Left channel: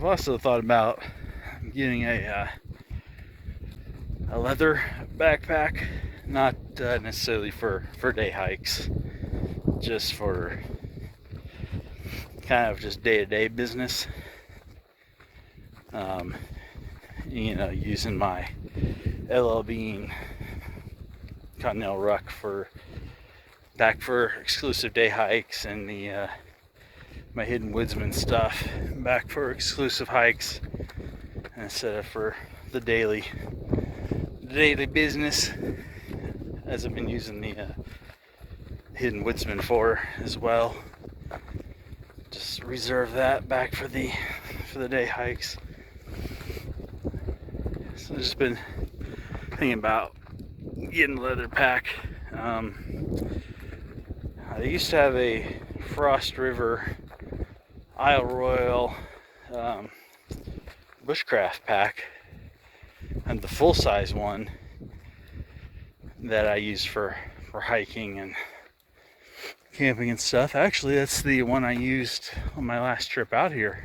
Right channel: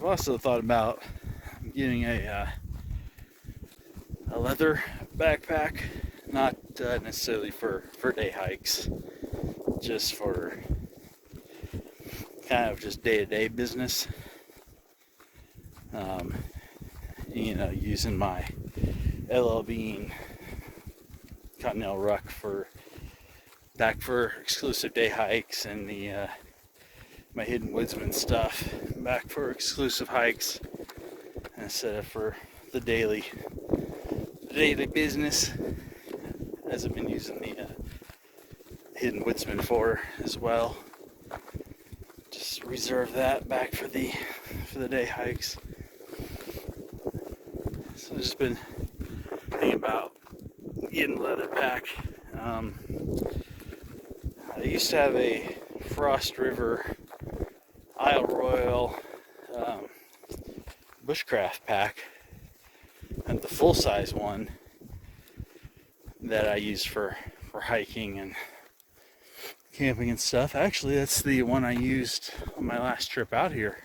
I've also thought about getting a leather backpack, not necessarily for day hikes, just for kind of just day-to-day business. Using my LL Bean Continental Ruck for exclusive day hikes, and my Hidden Woodsman stuff back for exclusive hikes, instead of for the daily business, as I've been using the Hidden Woodsman for as well. Just reserve that back for the day hikes. So I've just been thinking about getting a leather pack. I used to have a Frost River Isle Royal Bushcraft pack, and the full-size one that I use for hiking and camping and stuff. Actually, that's the one I used on my last trip out here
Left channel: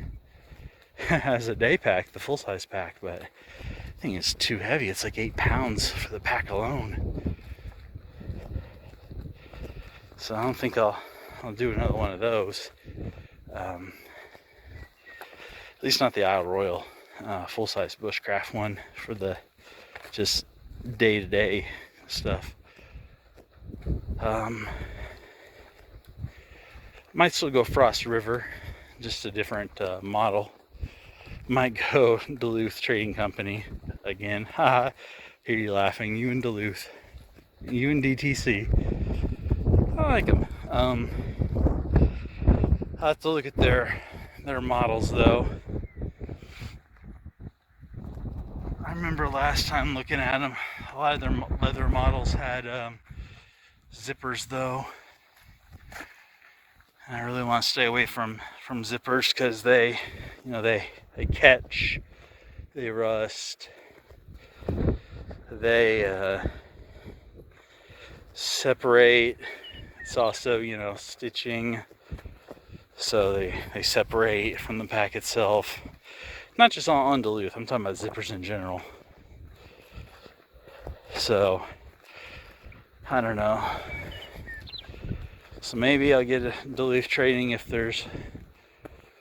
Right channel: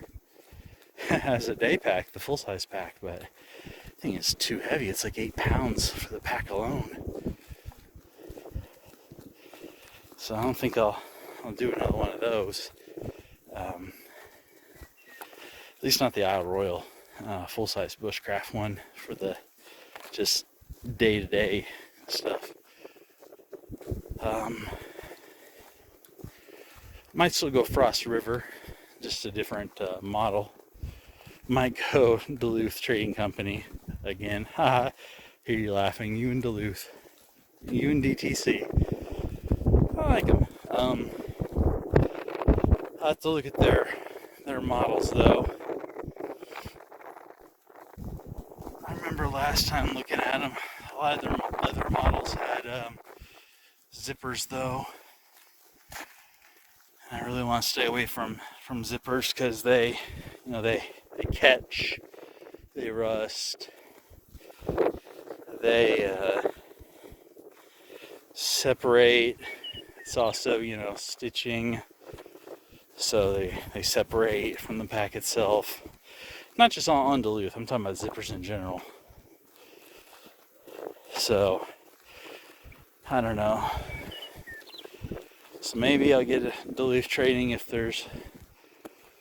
as a day pack, the full-size pack, but I think it's too heavy. It's like 8 pounds for the pack alone. So I don't think I'll do another one of those. At least not the Isle Royal full-size Bushcraft one for the just day-to-day stuff. Might still go Frost River, just a different model. Might go Duluth Trading Company again. Haha, hear you laughing. You and Duluth, you and DTC. I like them. I'll have to look at their models though. I remember last time looking at them, a lot of their leather models had zippers though. I really want to stay away from zippers because they catch, they rust, they separate. It's also, stitching, so they separate from the pack itself. Not just on Duluth, I'm talking about zippers in general. So, I don't know. So maybe I'll get a Duluth Trading if there's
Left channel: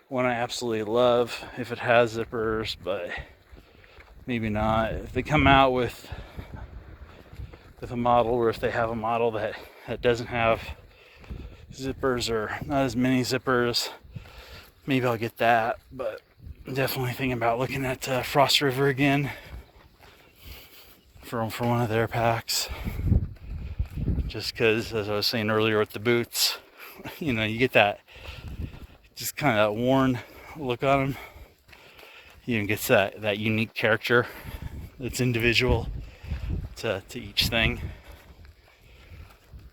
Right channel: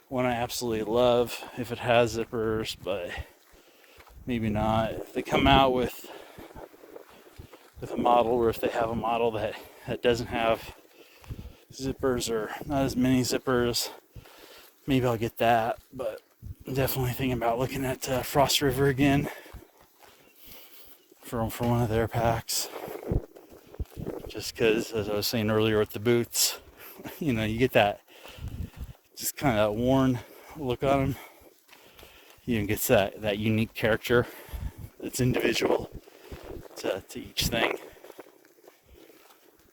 one I absolutely love, if it has zippers, but maybe not. If they come out with a model, or if they have a model that doesn't have zippers, or not as many zippers, maybe I'll get that. But definitely thinking about looking at Frost River again for one of their packs. Just because, as I was saying earlier with the boots, you get that just kind of worn look on them. It gets that unique character that's individual to each thing.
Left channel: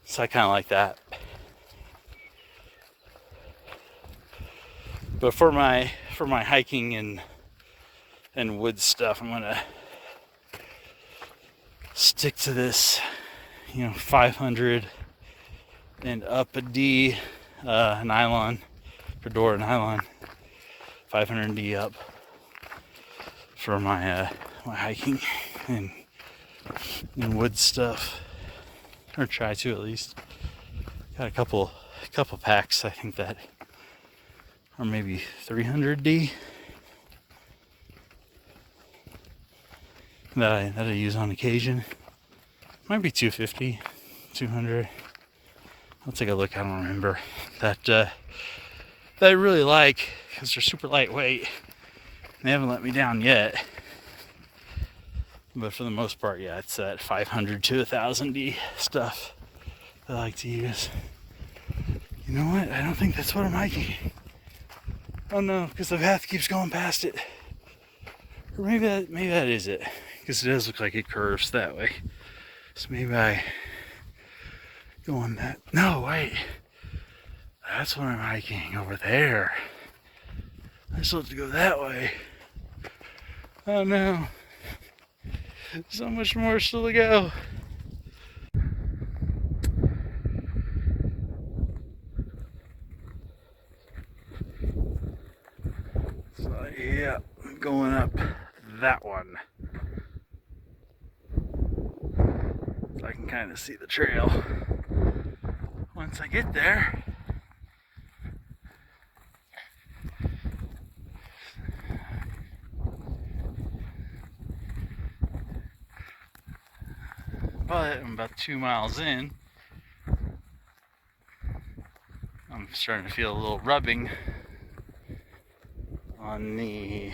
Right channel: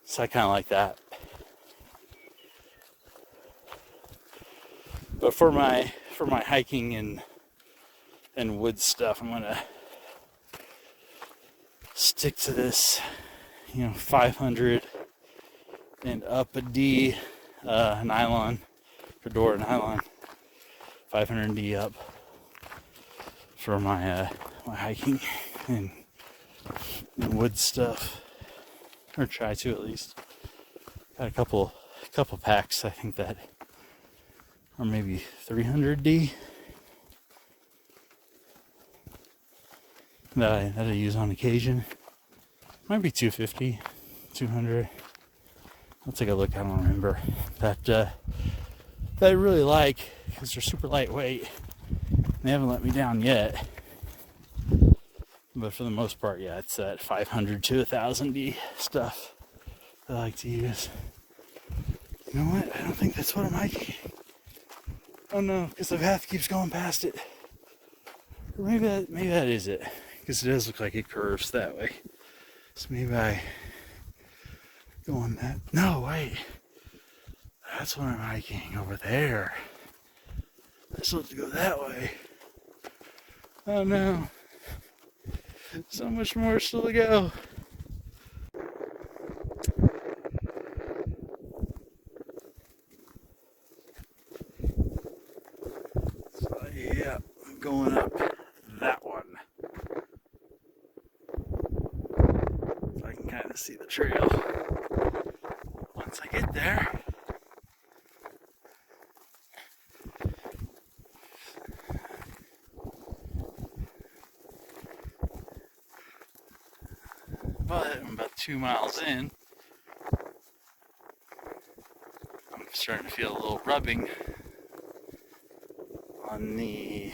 So I kind of like that. But for my hiking and wood stuff, I'm gonna stick to this 500 and up a D nylon, fedora nylon, 500 D up for my hiking and wood stuff, or try to at least. Got a couple packs I think that are maybe 300 D that I use on occasion. Might be 250, 200. I'll take a look. I don't remember. That I really like because they're super lightweight. They haven't let me down yet. But for the most part, yeah, it's that 500 to 1000 D stuff that I like to use. You know what? I don't think that's what I'm hiking. Oh no, because the path keeps going past it. Or maybe that is it. Because it does look like it curves that way. So maybe I go on that. No, wait. That's what I'm hiking over there. I'm supposed to go that way. Oh no. So much more still to go. So Yeah, going up that one. So I can kind of see the trail once I get there. But I'm about 2 miles in. I'm starting to feel a little rubbing on the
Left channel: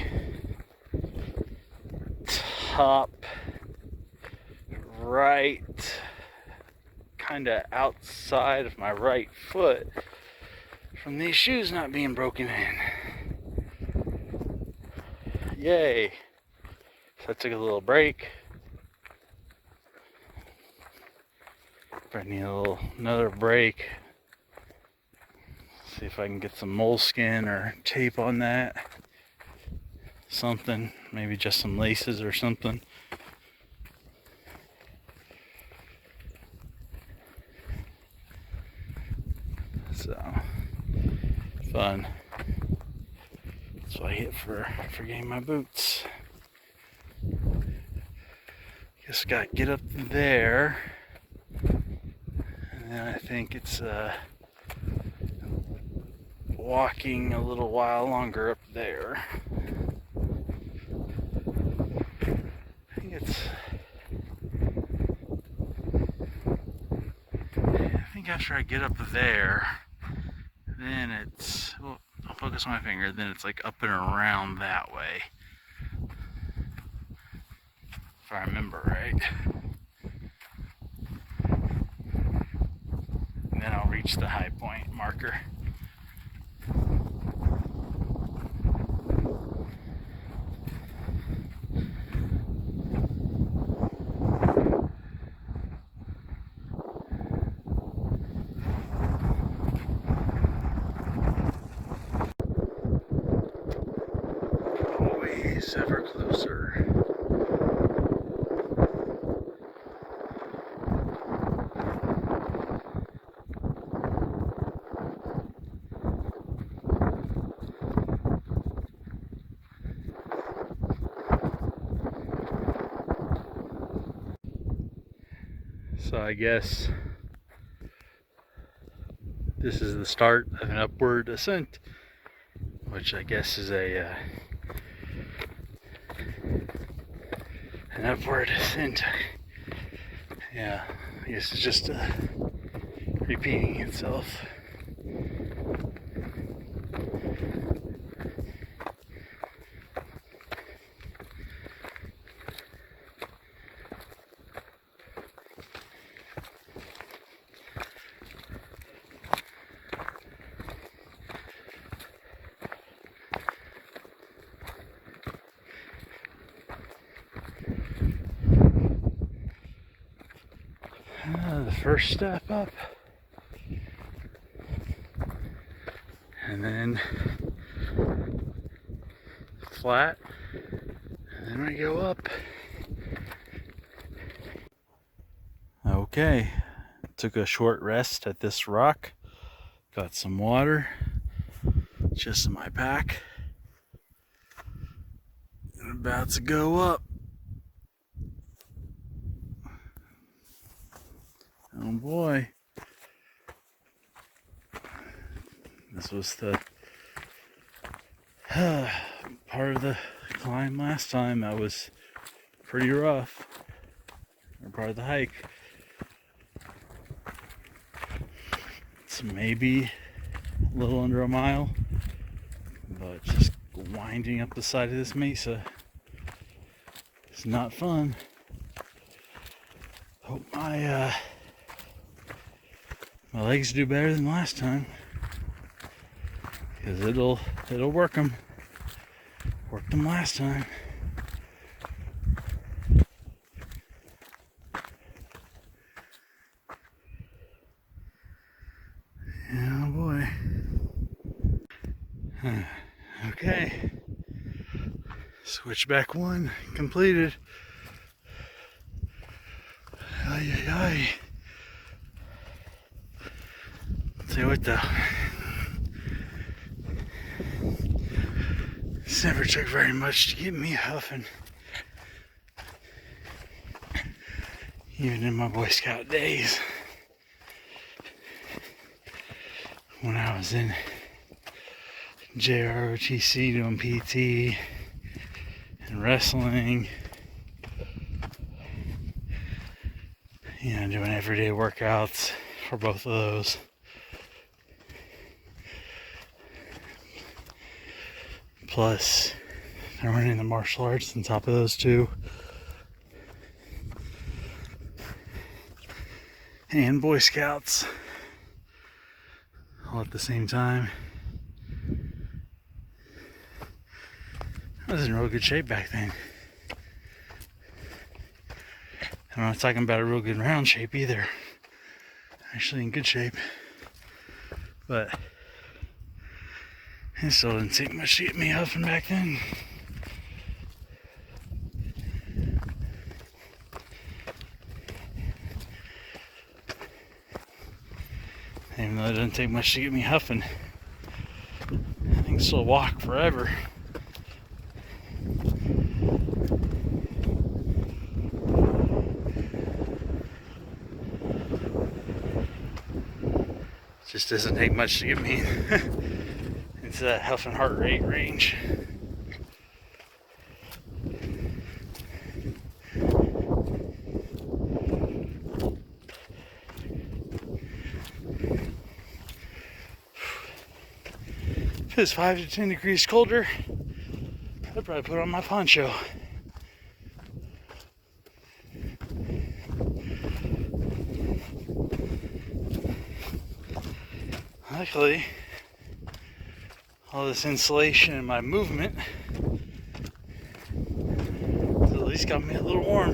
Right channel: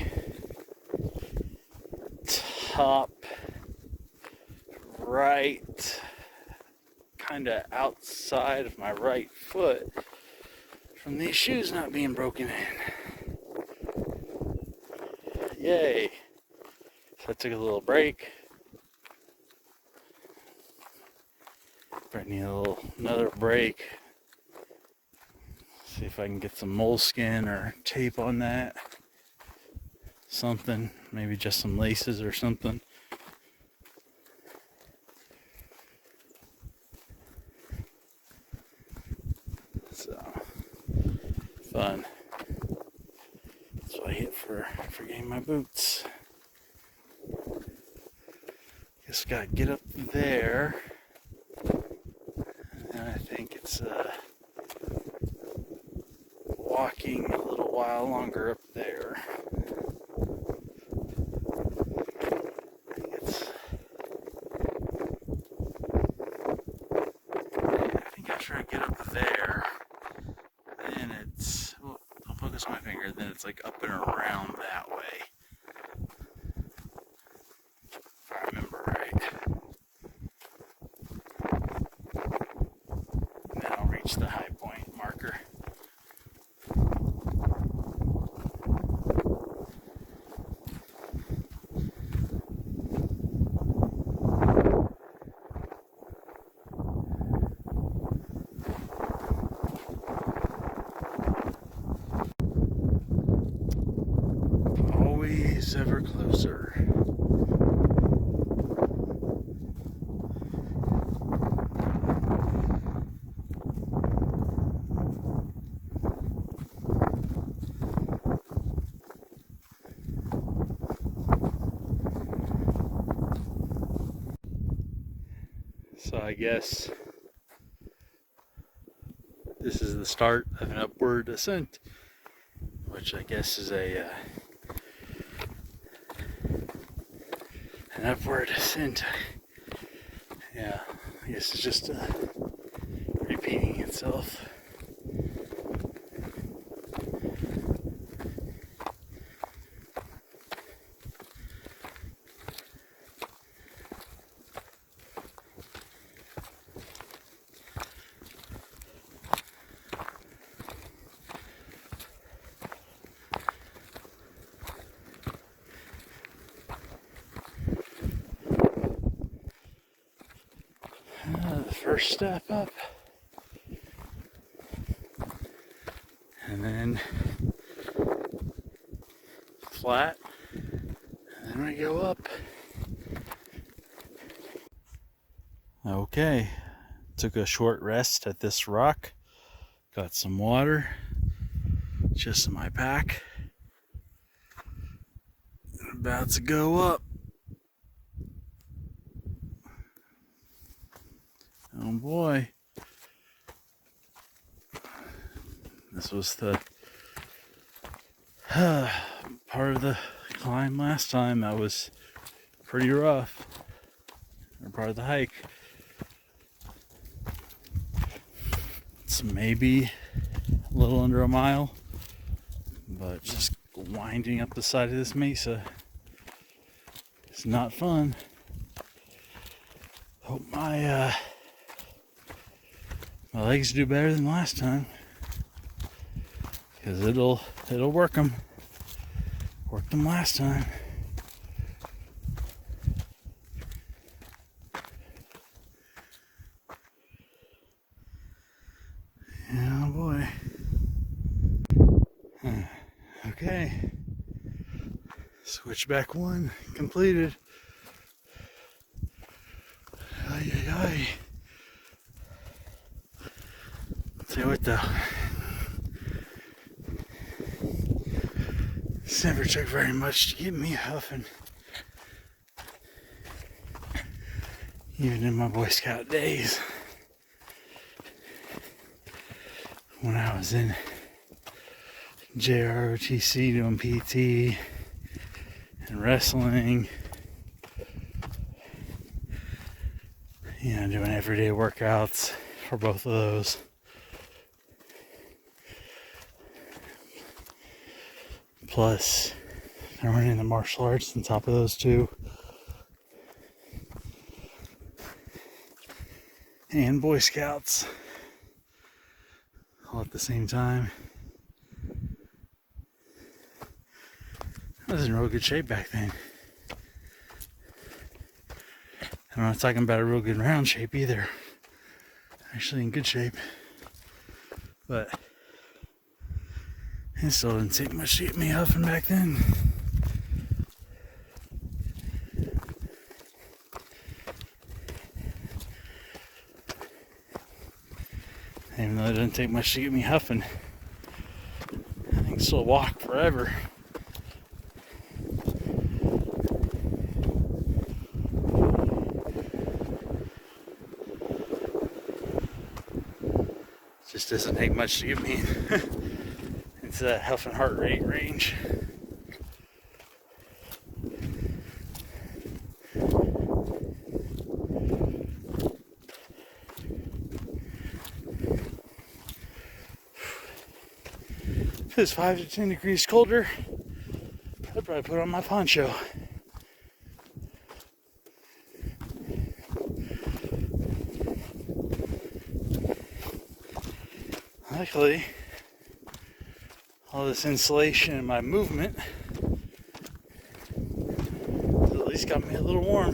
top right, kind of outside of my right foot from these shoes not being broken in. Yay! So I took a little break. But I need another break. See if I can get some moleskin or tape on that. Something, maybe just some laces or something. So, fun. That's what I hit for getting my boots. Just gotta get up there. And then I think it's walking a little while longer up there. I think after I get up there, then it's, well, I'll focus on my finger, then it's like up and around that way. If I remember right. And then I'll reach the high point marker. Always ever closer. So I guess this is the start of an upward ascent, which I guess is an upward ascent. Yeah, I guess it's just repeating itself. The first step up, and then flat, and then we go up. Okay, took a short rest at this rock, got some water, just in my pack, and about to go up. Oh boy. This was the part of the climb last time that was pretty rough. Or part of the hike. It's maybe a little under a mile, but just winding up the side of this mesa is not fun. Hope my legs do better than last time, because it'll work them. Worked them last time. Oh boy. Okay. Switchback 1 completed. Ay, ay, ay. Tell you what though. This never took very much to get me huffing. Even in my Boy Scout days. When I was in JROTC doing PT and wrestling. You know, doing everyday workouts for both of those. Plus, I'm running the martial arts on top of those two. And Boy Scouts all at the same time. I was in real good shape back then. I'm not talking about a real good round shape either. Actually in good shape. But it still didn't take much to get me huffing back then. Even though it didn't take much to get me huffing, I can still walk forever. It just doesn't take much to get me into that huffing heart rate range. If it was 5 to 10 degrees colder, I'd probably put on my poncho. Luckily, all this insulation and my movement has at least got me a little warm.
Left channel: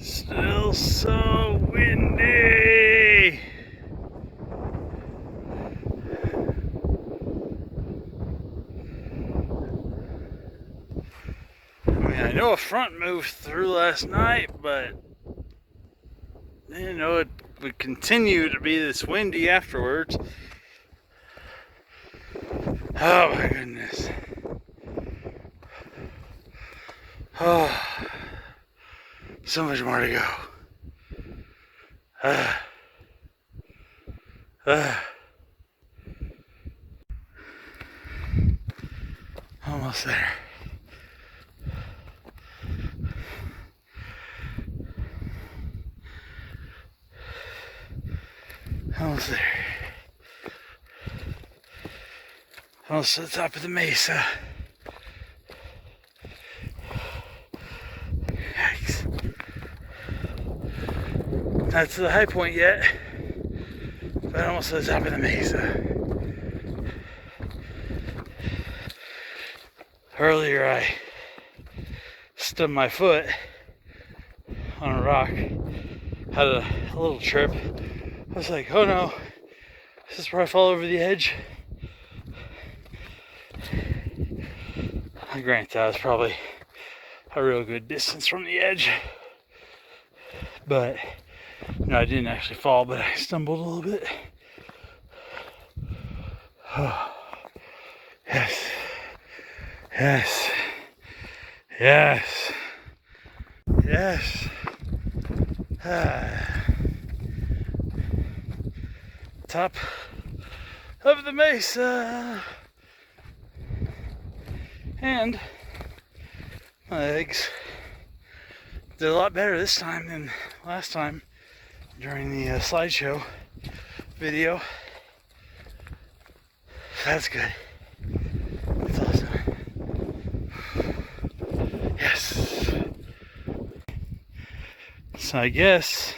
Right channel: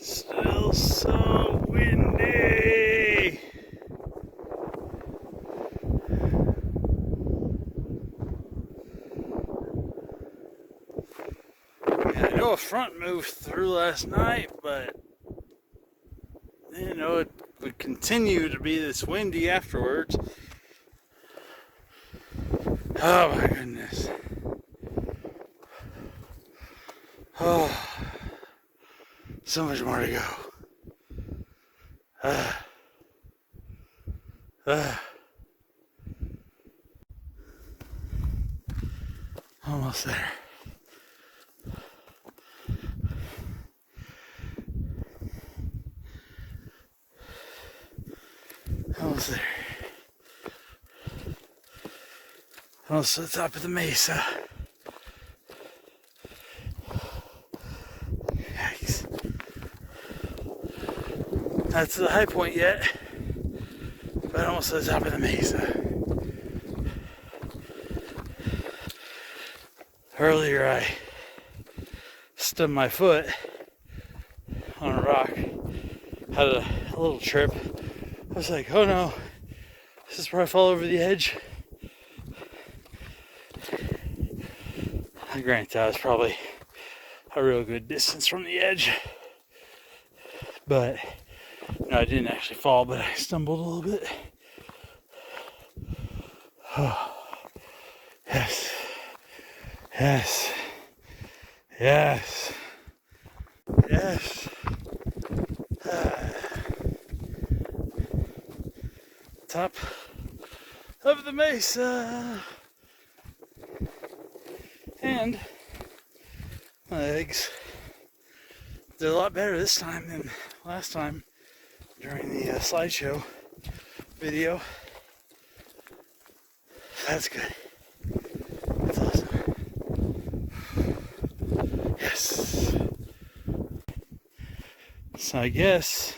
Still so windy. I mean, I know a front moved through last night, but you know, it would continue to be this windy afterwards. Oh my goodness. Oh, so much more to go. Almost there. Almost there. Almost to the top of the mesa. Yikes. Not to the high point yet, but almost to the top of the mesa. Earlier I stubbed my foot on a rock, had a little trip. I was like, oh no, this is where I fall over the edge. Granted, I was probably a real good distance from the edge. But, you know, I didn't actually fall, but I stumbled a little bit. Oh, yes. Yes. Yes. Yes. Top of the mesa. And my legs did a lot better this time than last time during the slideshow video. That's good. That's awesome. Yes. So I guess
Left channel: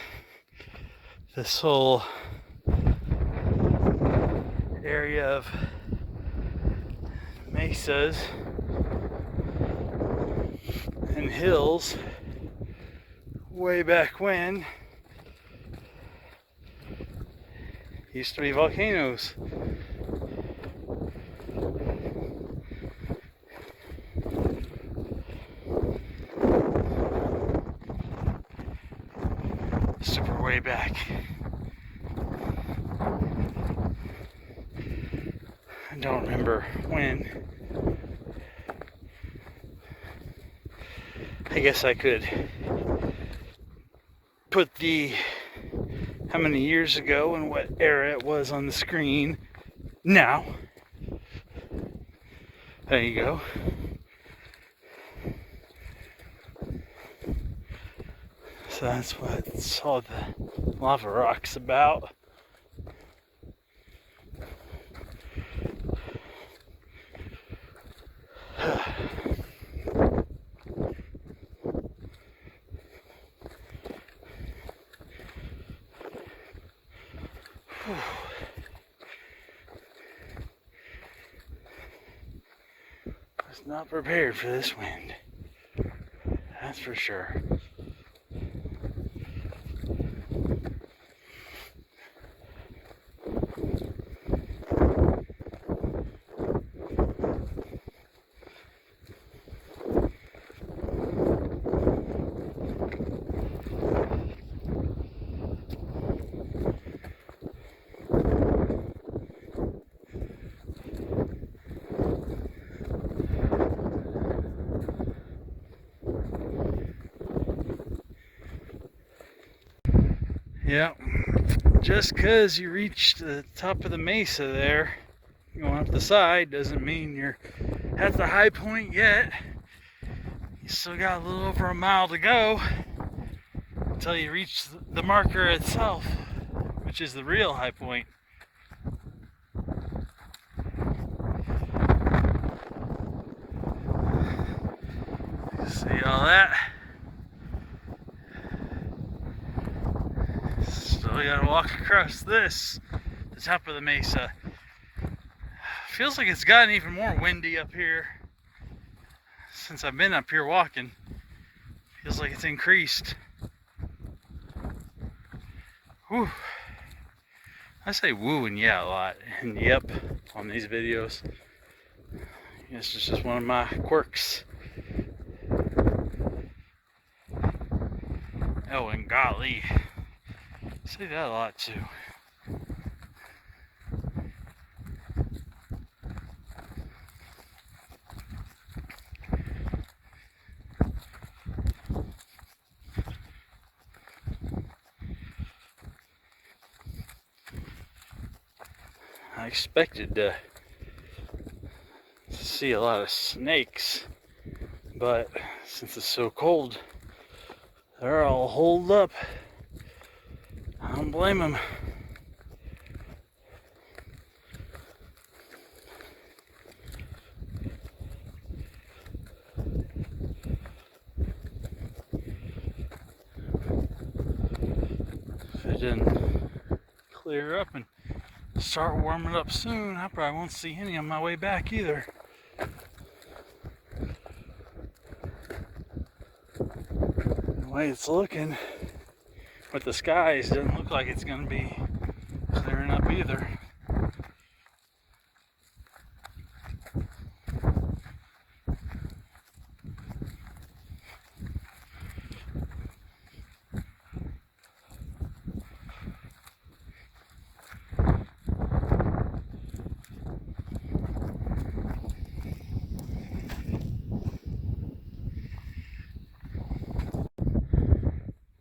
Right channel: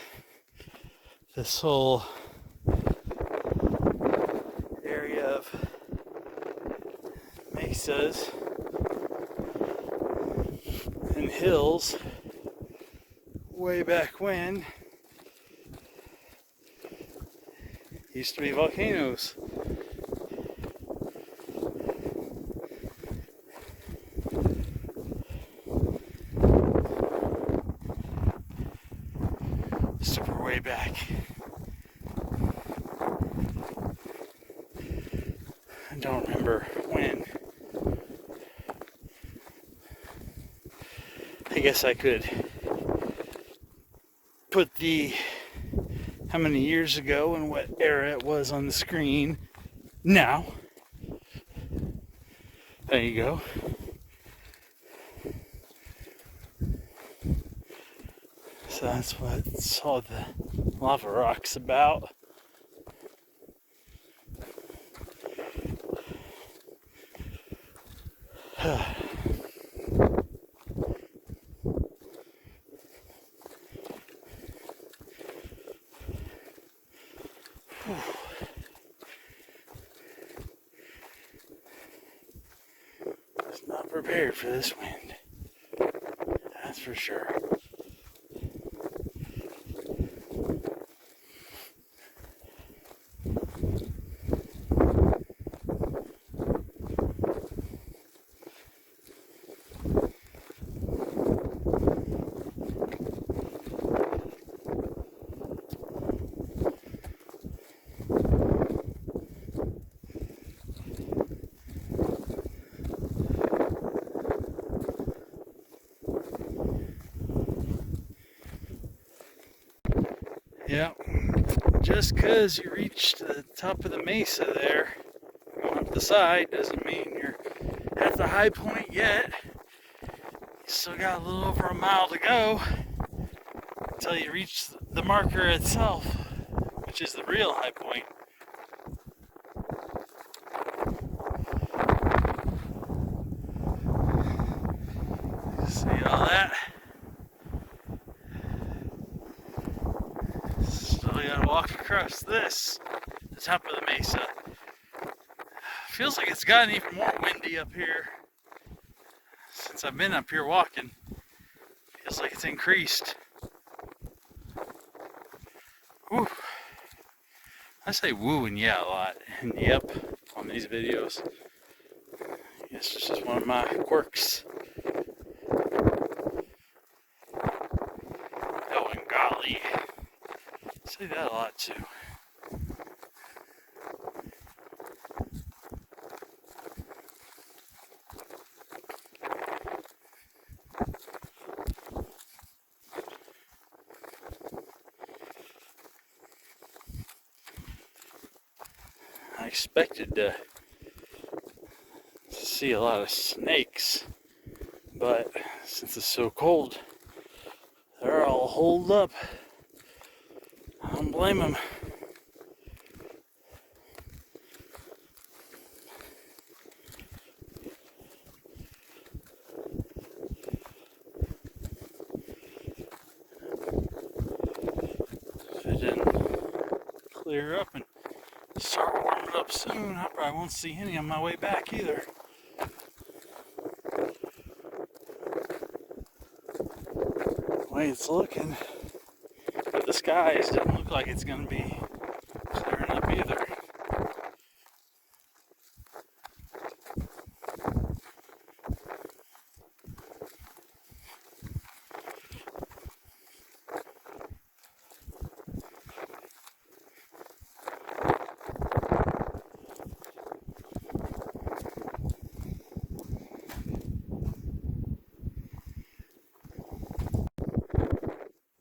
this whole area of mesas and hills way back when used to be volcanoes. Super way back. don't remember when. I guess I could put how many years ago and what era it was on the screen now. There you go. So that's what all the lava rock's about. Was not prepared for this wind. That's for sure. Yep, just because you reach the top of the mesa there, going up the side, doesn't mean you're at the high point yet. You still got a little over a mile to go until you reach the marker itself, which is the real high point. See all that? So we gotta walk across this, the top of the mesa. Feels like it's gotten even more windy up here since I've been up here walking. Feels like it's increased. Whew. I say woo and yeah a lot, and yep on these videos. I guess it's just one of my quirks. Oh, and golly. I say that a lot too. I expected to see a lot of snakes, but since it's so cold, they're all holed up. I don't blame them. If it didn't clear up and start warming up soon, I probably won't see any on my way back either. The way it's looking, but the skies doesn't look like it's going to be clearing up either.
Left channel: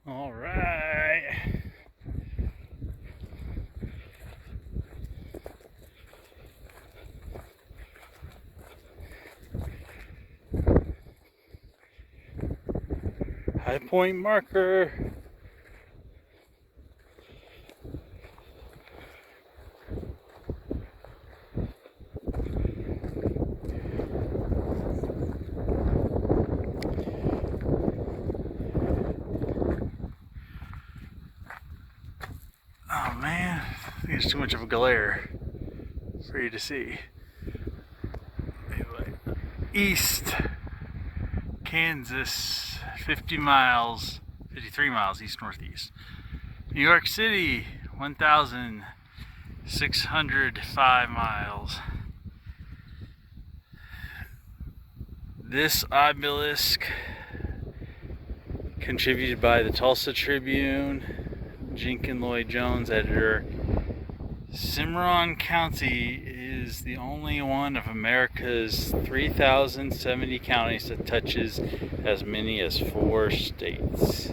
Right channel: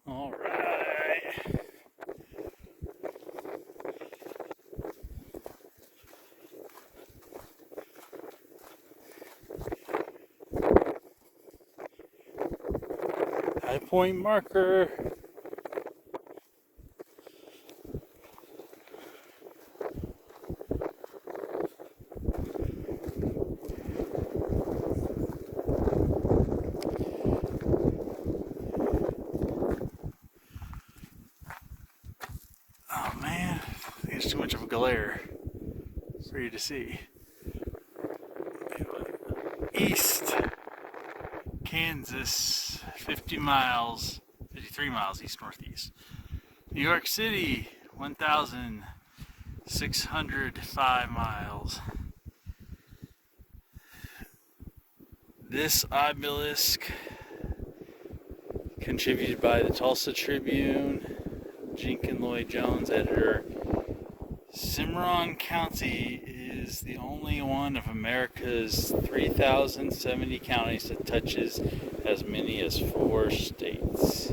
All right. High point marker. Oh man, I think it's too much of a glare for you to see. Anyway, East Kansas, 53 miles east northeast. New York City, 1,605 miles. This obelisk, contributed by the Tulsa Tribune, Jenkins Lloyd Jones editor. Cimarron County is the only one of America's 3,070 counties that touches as many as 4 states.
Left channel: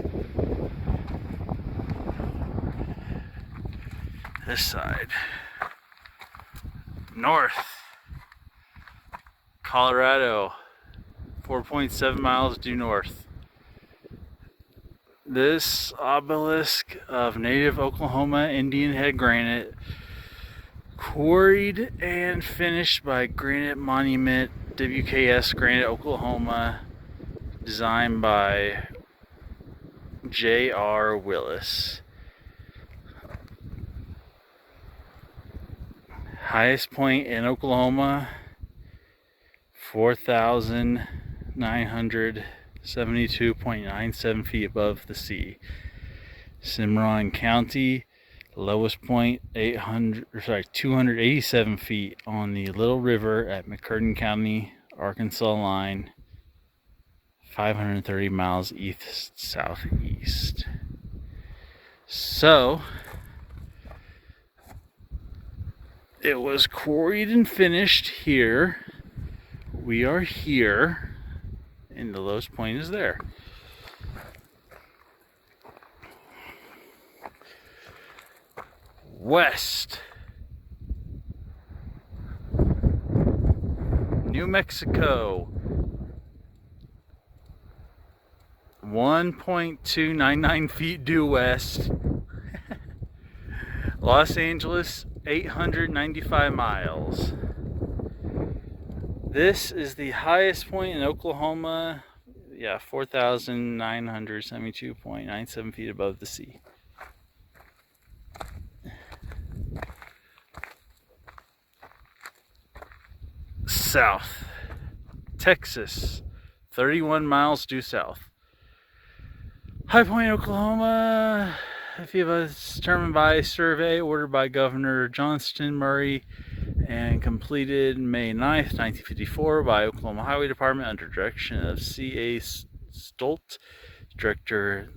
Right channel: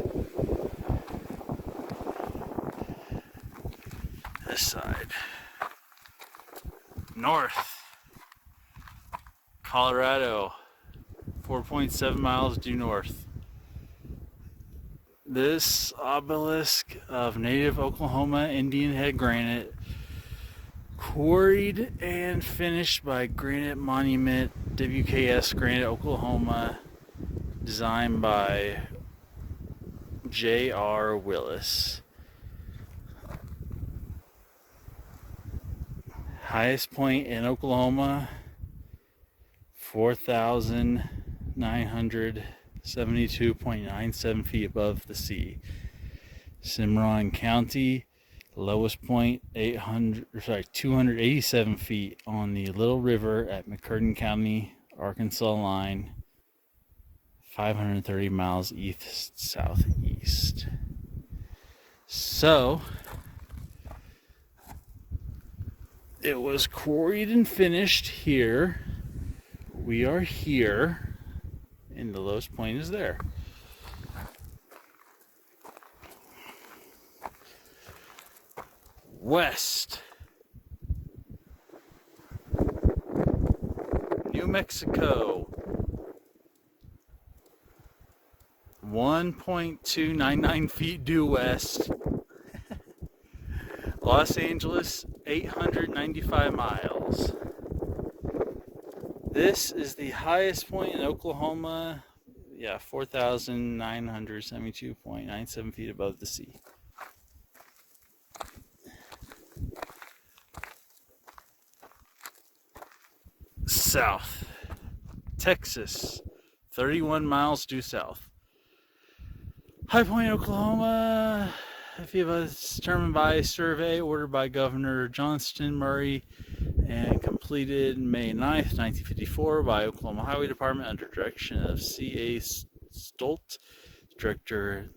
This side. North. Colorado. 4.7 miles due north. This obelisk of native Oklahoma Indian head granite, quarried and finished by Granite Monument WKS Granite Oklahoma, designed by J.R. Willis. Highest point in Oklahoma, 4,972.97 feet above the sea. Cimarron County, lowest point 287 feet on the Little River at McCurtain County, Arkansas line, 530 miles east southeast. So it was quarried and finished here. We are here, and the lowest point is there. West, New Mexico, 1.299 feet due west. Los Angeles, 895 miles. This is the highest point in Oklahoma. Yeah, 4,972.97 feet above the sea. South, Texas, 31 miles due south. High Point, Oklahoma, determined by a survey ordered by Governor Johnston Murray and completed May 9th, 1954 by Oklahoma Highway Department under direction of C.A. Stolt, Director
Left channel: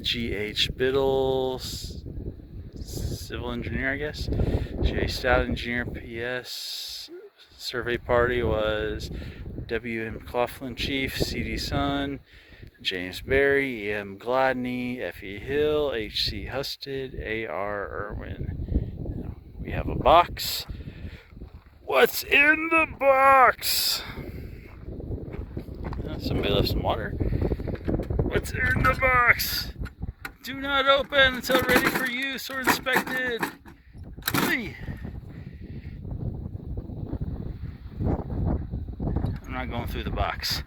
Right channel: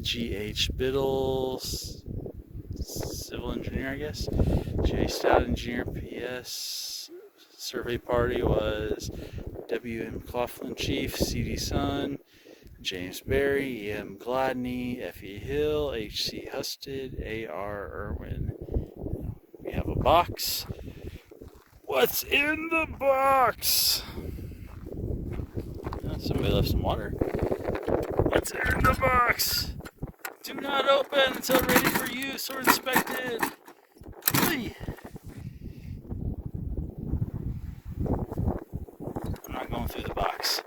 G.H. Biddle, Civil Engineer, I guess, J. Stout, Engineer, P.S. Survey party was W.M. McLaughlin, Chief, C.D. Sun, James Berry, E.M. Gladney, F.E. Hill, H.C. Husted, A.R. Irwin. We have a box. What's in the box? Somebody left some water. What's in the box? Do not open until ready for use or inspected. Hey. I'm not going through the box.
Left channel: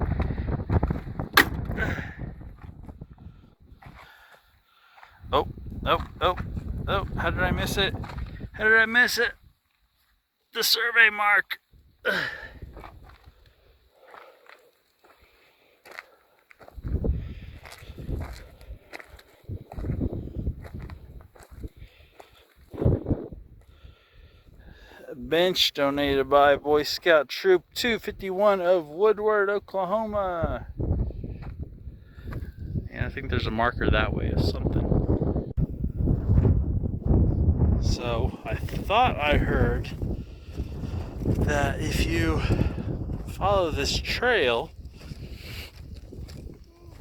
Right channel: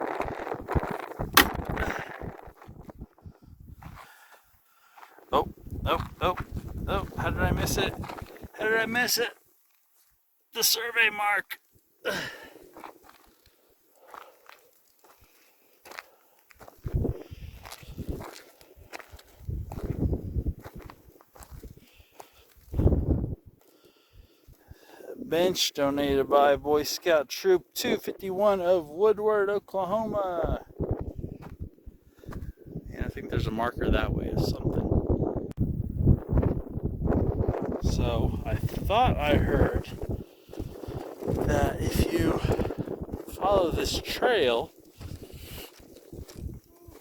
Oh, how did I miss it? How did I miss it? The survey mark. Bench donated by Boy Scout Troop 251 of Woodward, Oklahoma. And I think there's a marker that way of something. So I thought I heard that if you follow this trail,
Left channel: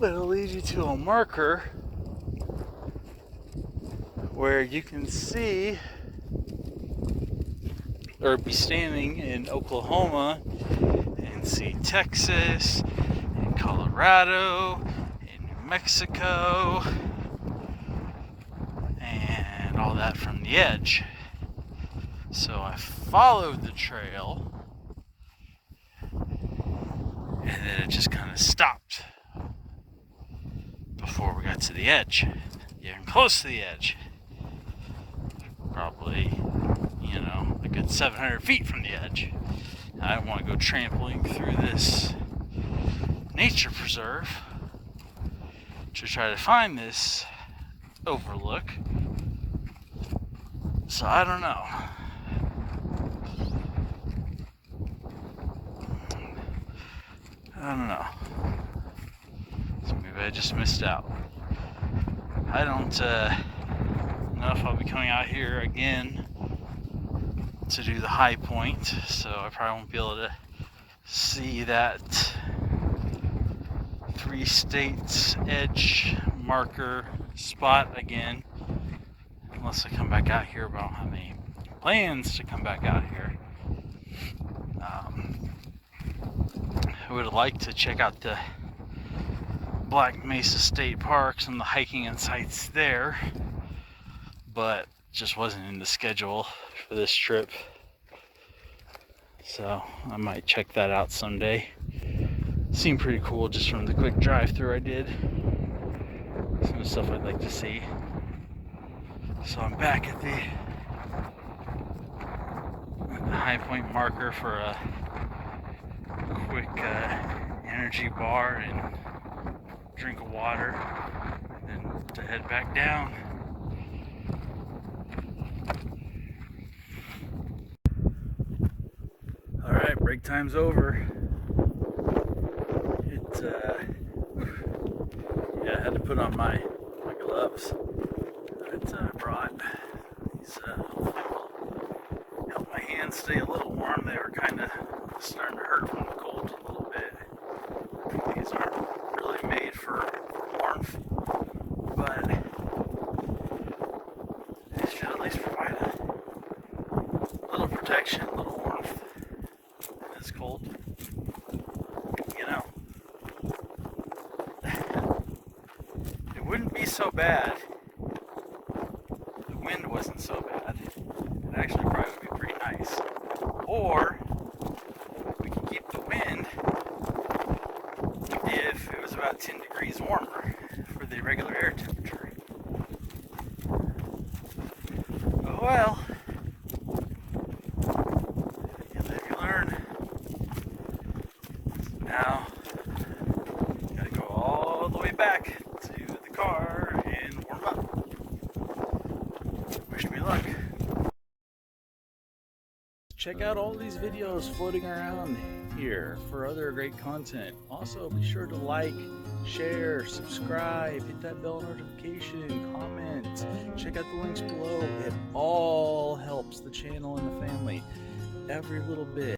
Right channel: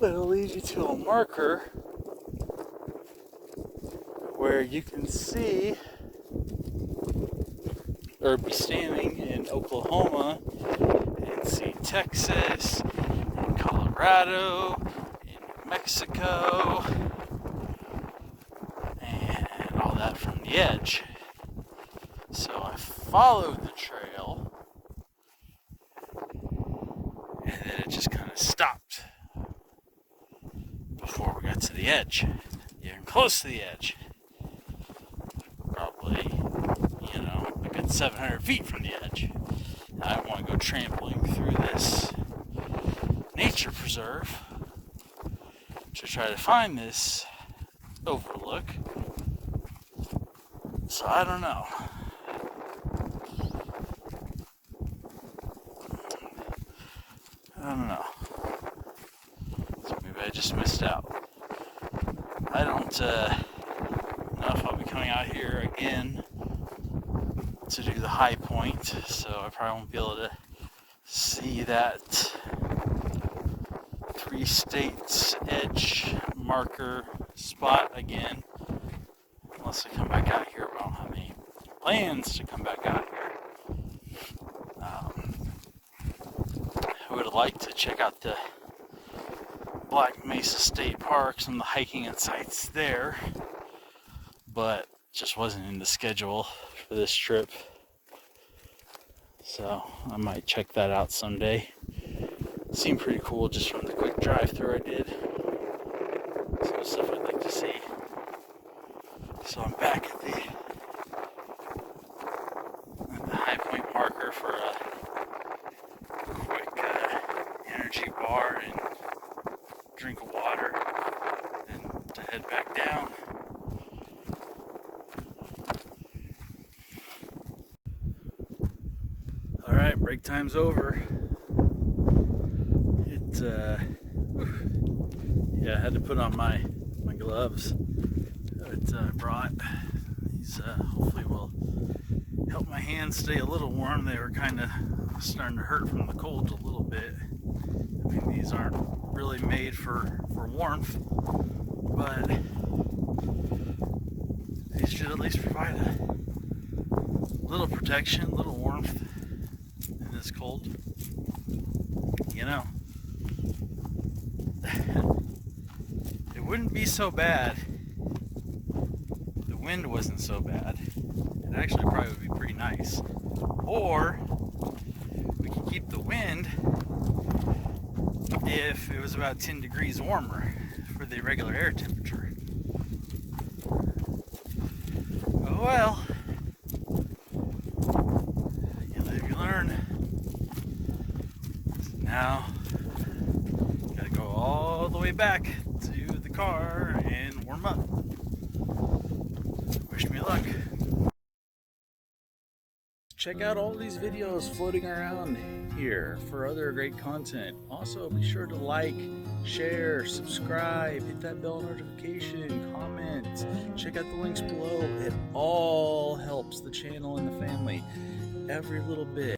it'll lead you to a marker where you can see or be standing in Oklahoma and see Texas and Colorado and New Mexico and all that from the edge. So I followed the trail and then it just kind of stopped before we got to the edge, getting close to the edge. Probably, a good 700 feet from the edge. Now, I don't want to go trampling through this nature preserve to try to find this overlook. So I don't know. So maybe I just missed out. I don't know if I'll be coming out here again to do the high point, so I probably won't be able to see that 3 states edge marker spot again unless I come back out here, but I don't have any plans to come back out here. I would have liked to check out the Black Mesa State Parks and the hiking and sites there, but just wasn't in the schedule for this trip. So I might check that out someday. Seemed pretty cool just from the quick drive through I did. Some stuff I'd like to see. So I'm back at the high point marker for a quick energy bar and drink of water and to head back down. Alright, break time's over. I had to put on my gloves that I brought. These hopefully will help my hands stay a little warm. They were kind of starting to hurt from the cold a little bit. These aren't really made for warmth, but they should at least provide a little protection, a little warmth in this cold. You know, it wouldn't be so bad if the wind wasn't so bad. It actually probably would be pretty nice. Or we could keep the wind if it was about 10 degrees warmer for the regular air temperature. Oh well, you live, you learn. Now, gotta go all the way back to the car and warm up. Wish me luck. Check out all these videos floating around here for other great content. Also, be sure to like, share, subscribe, hit that bell notification, comment, check out the links below. It all helps the channel and the family. Every little bit.